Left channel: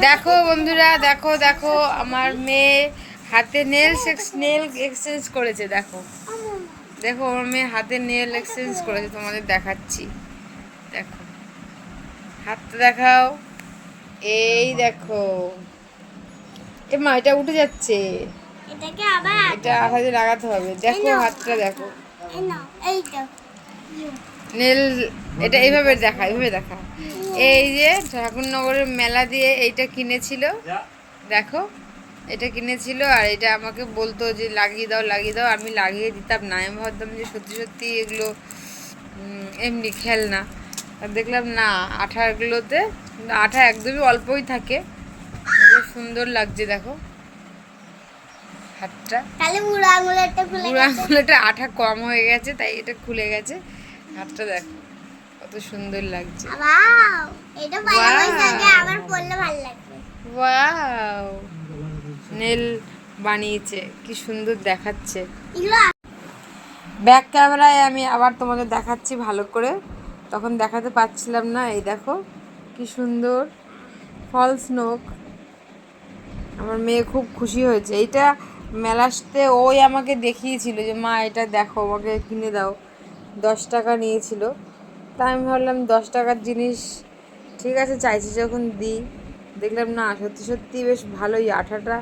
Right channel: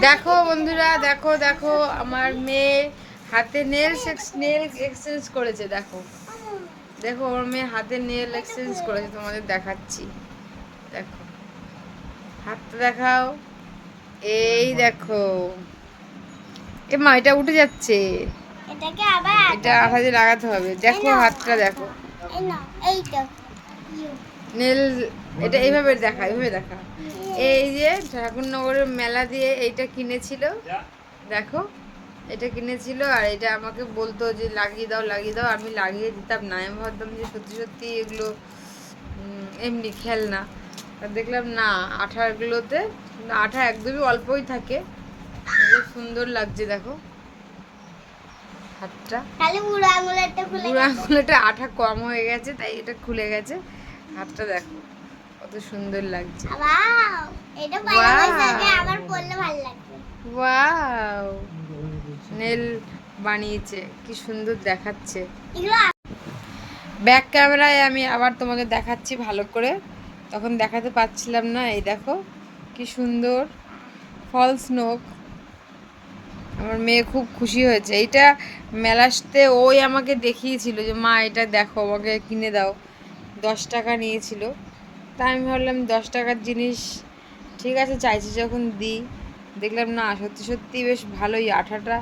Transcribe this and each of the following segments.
দেখো বন্ধুরা, দেখো দেখো আমার মেয়ে হাতে নেল এক্সচেঞ্জ করেছে। দেখো দেখো আমার মেয়ে হাতে নেল এক্সচেঞ্জ করেছে, তোমাদের দেখাচ্ছি। দেখো হাতটা দেখাও, এই দেখো। এ মা, এটা উঠে যাচ্ছে, এটা আঠা দিয়ে লাগাতে হবে। দেখো হাতটা দেখো, নেল। এটা এইভাবে দেখা, এইভাবে দেখা। এই যে ঠাকুরনগরের মেলা দিয়ে এইটা কিনেছিল, দেখো এটা কিনেছিল। আর এটা আমাকে বলতো যে লাগিয়ে দাও লাগিয়ে দাও, আমি লাগিয়ে দিতাম না। আমি ভাবতাম যে সত্যি সত্যি এগুলো এমনি খেলনা। আর দেখলাম না, আঠাগুলোতে আঠা একদমই অল্পই থাকে। খুব সুন্দর লাগছে দেখো হাতটা। বুড়ো আঙুলেটা আঠা কম হয়ে গেছে, তাই এটা খুলে গেছে। হাতটা দেখো কত সুন্দর লাগছে। ওয়াও, নেল বানিয়েছে, কি সুন্দর দেখাচ্ছে। ব্যাক ক্যামেরায় আমি আবার তোমাদের দেখাচ্ছি ভালো করে, তখন দেখাতে পারছিলাম না। এই দেখো কি সুন্দর ফলস নোক। আমার মেয়ে খুব খুশি হয়েছে। এইটা মেলাতে ওই আমাকে দেখিয়েছিল যে মা এটা দেখো, আমাকে কিনে দাও। 10 টাকা নিয়েছিল। তাই আমি ভাবলাম 10 টাকার জিনিস ঠিক আছে, চাইছি যখন দিই। দেখলাম না, সত্যি সত্যি বেশ ভালোই, আঠাটা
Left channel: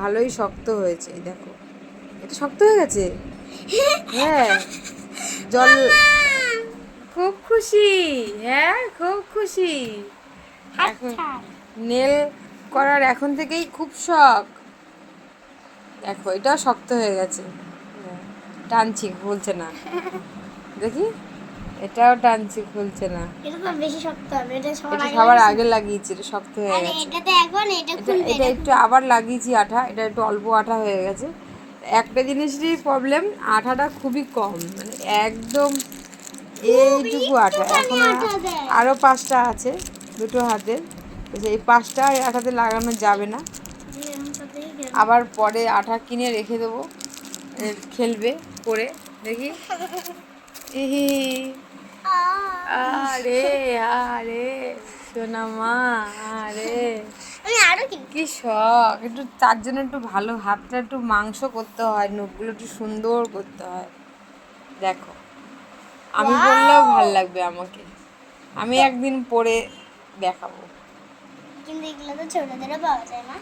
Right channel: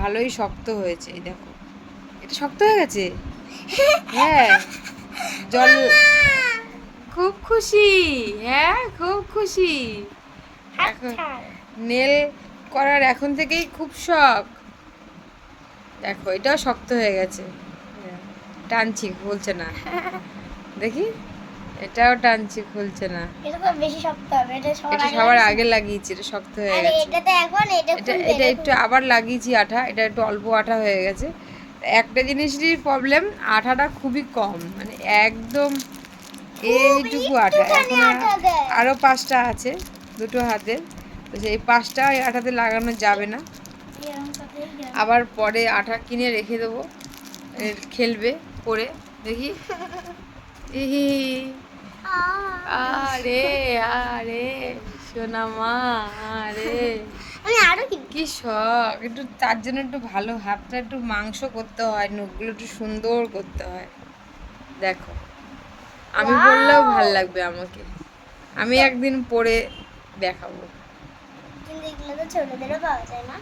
ভালোই শক্ত হয়েছে। এই দেখো এটা শক্ত হয়ে গেছে। হ্যাঁ, জল। খুব খুশি, হ্যাঁ খুব খুশি। এখন নেল করার এখন থেকেই খুব শখ। দেখো এটাও শক্ত হয়ে গেছে, টানছি খুলছে না। দেখি, এটাও টানছি খুলছে না। এটা সবার আগে লাগিয়েছি, এটা শক্ত হয়ে গেছে। এটা একটু আবার লাগিয়েছি আঠা, এটা একটু অল্প আঠা হয়ে গেছে। একটা জিনিসেরই প্রবলেম, আঠাটা খুবই কম, মানে একদম এইটুকু আঠা। এখন আরও 5টা আছে দুটো হাতে, তো সেই 5টা আঠাতে লাগানো যাবে না। আবার পরে আঠা কিনে রেখে দেবো, খেলবে করে। দেখি, আরে আরে সোনা মা, আরে কি শখ। একটু তার জন্য একটু ভালো হাতটা একটু মাংস করতে হয়, নখগুলো একটু সুন্দর করতে হয়। দেখো আমি বললেও ভাল লাগবে আমাকে, আমি একদিন পরে দেখাবো। কিন্তু এগুলো তো ছোটদেরও পাওয়া যায় না।